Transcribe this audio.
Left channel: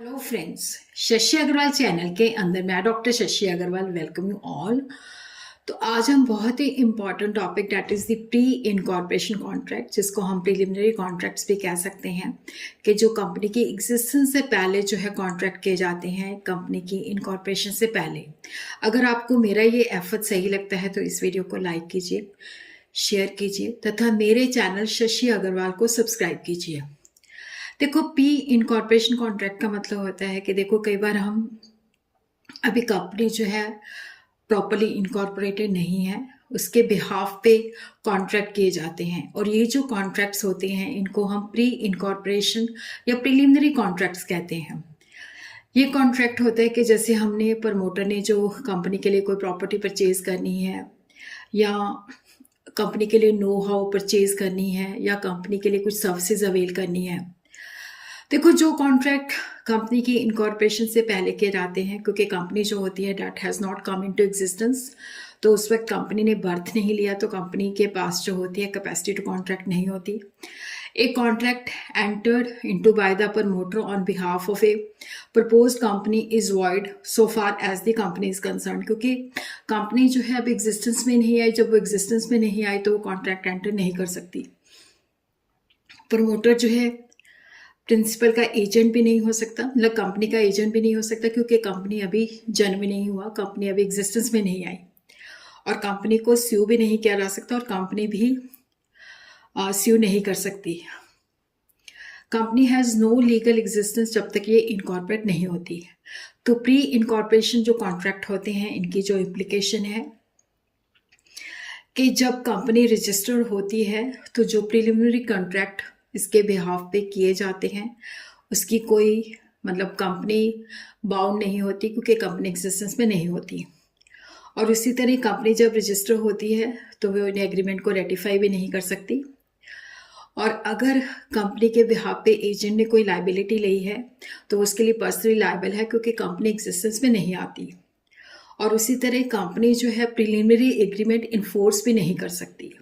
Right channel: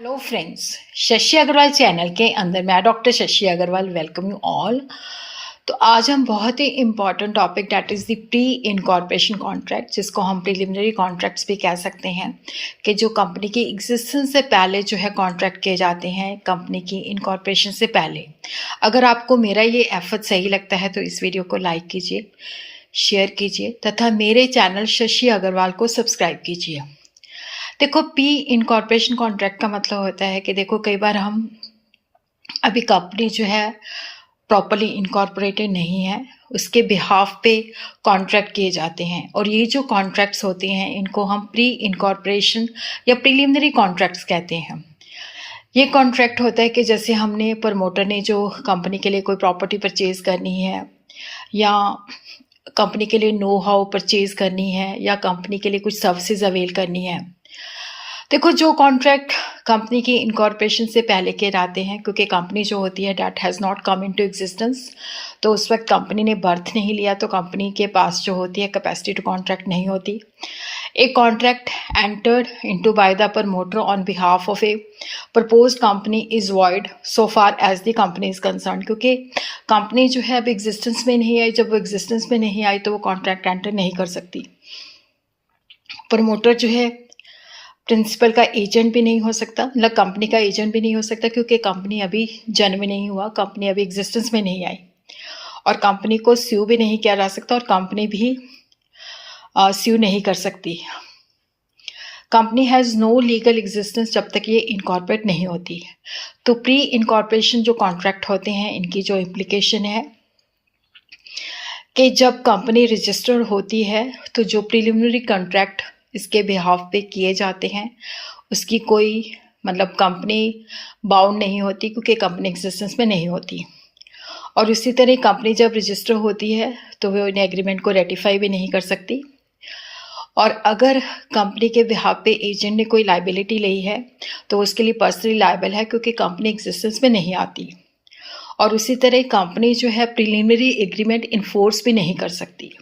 Hello friends, Shashi Agarwal channel के अंदर मैं doctor Shashi Agarwal welcome you all. तो आज हम बहुत ही important topic that is the pre incorporation contract, जिसको हम प्रिलिमिनरी कॉन्ट्रैक्ट्स भी कह सकते हैं, कि जो कंपनी की एग्जिस्टेंस से पहले जो है कॉन्ट्रैक्ट किए जाते हैं कंपनी की इनकॉर्पोरेशन से पहले। अगर आपको मेरा ये एफर्ट सही लगता है तो इस वीडियो को लाइक कीजिए, शेयर कीजिए तथा मेरे चैनल शशि अग्रवाल को सब्सक्राइब कीजिए। देखो, पी इनकॉर्पोरेशन कॉन्ट्रैक्ट का मतलब होता है कि देखो कई बार हम अभी कंपनी जो है प्रॉपरली इनकॉर्पोरेटेड नहीं है, उसके बिहाफ पे कॉन्ट्रैक्ट किए जाते हैं। और ये जो कॉन्ट्रैक्ट्स होते हैं इनको हम प्री इनकॉर्पोरेशन या प्रिलिमिनरी कॉन्ट्रैक्ट्स कहते हैं। ये कॉन्ट्रैक्ट होता है कि जैसे हमने प्रमोटर ने जो कंपनी के लिए कोई प्रॉपर्टी परचेज़ करनी है, या कंपनी के लिए नो हाउ परचेज़ करनी है, या कंपनी के लिए कुछ सर्विसेज अवेल करनी है। देखो, जो कॉन्ट्रैक्ट कंपनी की इनकॉर्पोरेशन से पहले के जाते हैं, क्योंकि कंपनी जो होती है that has not come into existence, तो उस वक्त कंपनी ने बर्थ नहीं लिया, तो कंपनी के पास जो होती है कैपेसिटी टू कॉन्ट्रैक्ट नहीं होती। एक contract entered into by the promoter on behalf of a proposed company is void so far as the company is concern, क्योंकि कंपनी जो है अब एग्जिस्टेंस में नहीं आई। जब वो एग्जिस्टेंस में नहीं आई तो वो कॉन्ट्रैक्ट एंटर नहीं कर सकती। प्रमोटर जो है प्रिंसिपल का एजेंट भी नहीं हो सकता, मतलब कंपनी का एजेंट भी नहीं हो सकता, क्योंकि कंपनी अभी जन्म नहीं हुआ, कंपनी अभी एग्जिस्टेंस में नहीं आई। और कंपनी को स्यू भी नहीं किया जा सकता, और कंपनी भी स्यू नहीं कर सकती। Company has no legal existence जब तक ये इनकॉर्पोरेट नहीं होती। तो प्री इनकॉर्पोरेशन जो कॉन्ट्रैक्ट होते हैं इनकी जो इम्प्लीकेशन है कि जब कंपनी रजिस्टर्ड होती है तो जो प्रिलिमिनरी कॉन्ट्रैक्ट इसके बिहाफ पे किए जाते हैं उसकी कोई मतलब कंपनी बाउंड नहीं होती, क्योंकि कंपनी एग्जिस्टेंस में नहीं होती। और इसी तरह कंपनी जब रजिस्टर होती है तो वो इन एग्रीमेंट को रेटिफाई भी नहीं कर सकती। और अगर कंपनी के बिहाफ पे एजेंट ने कोई लाइबिलिटी ली है तो उसके लिए पर्सनली लायबल है, क्योंकि कंपनी एग्जिस्टेंस में नहीं आती। और उसी तरह कंपनी जो है प्रिलिमिनरी एग्रीमेंट इन्फोर्स भी नहीं कर सकती।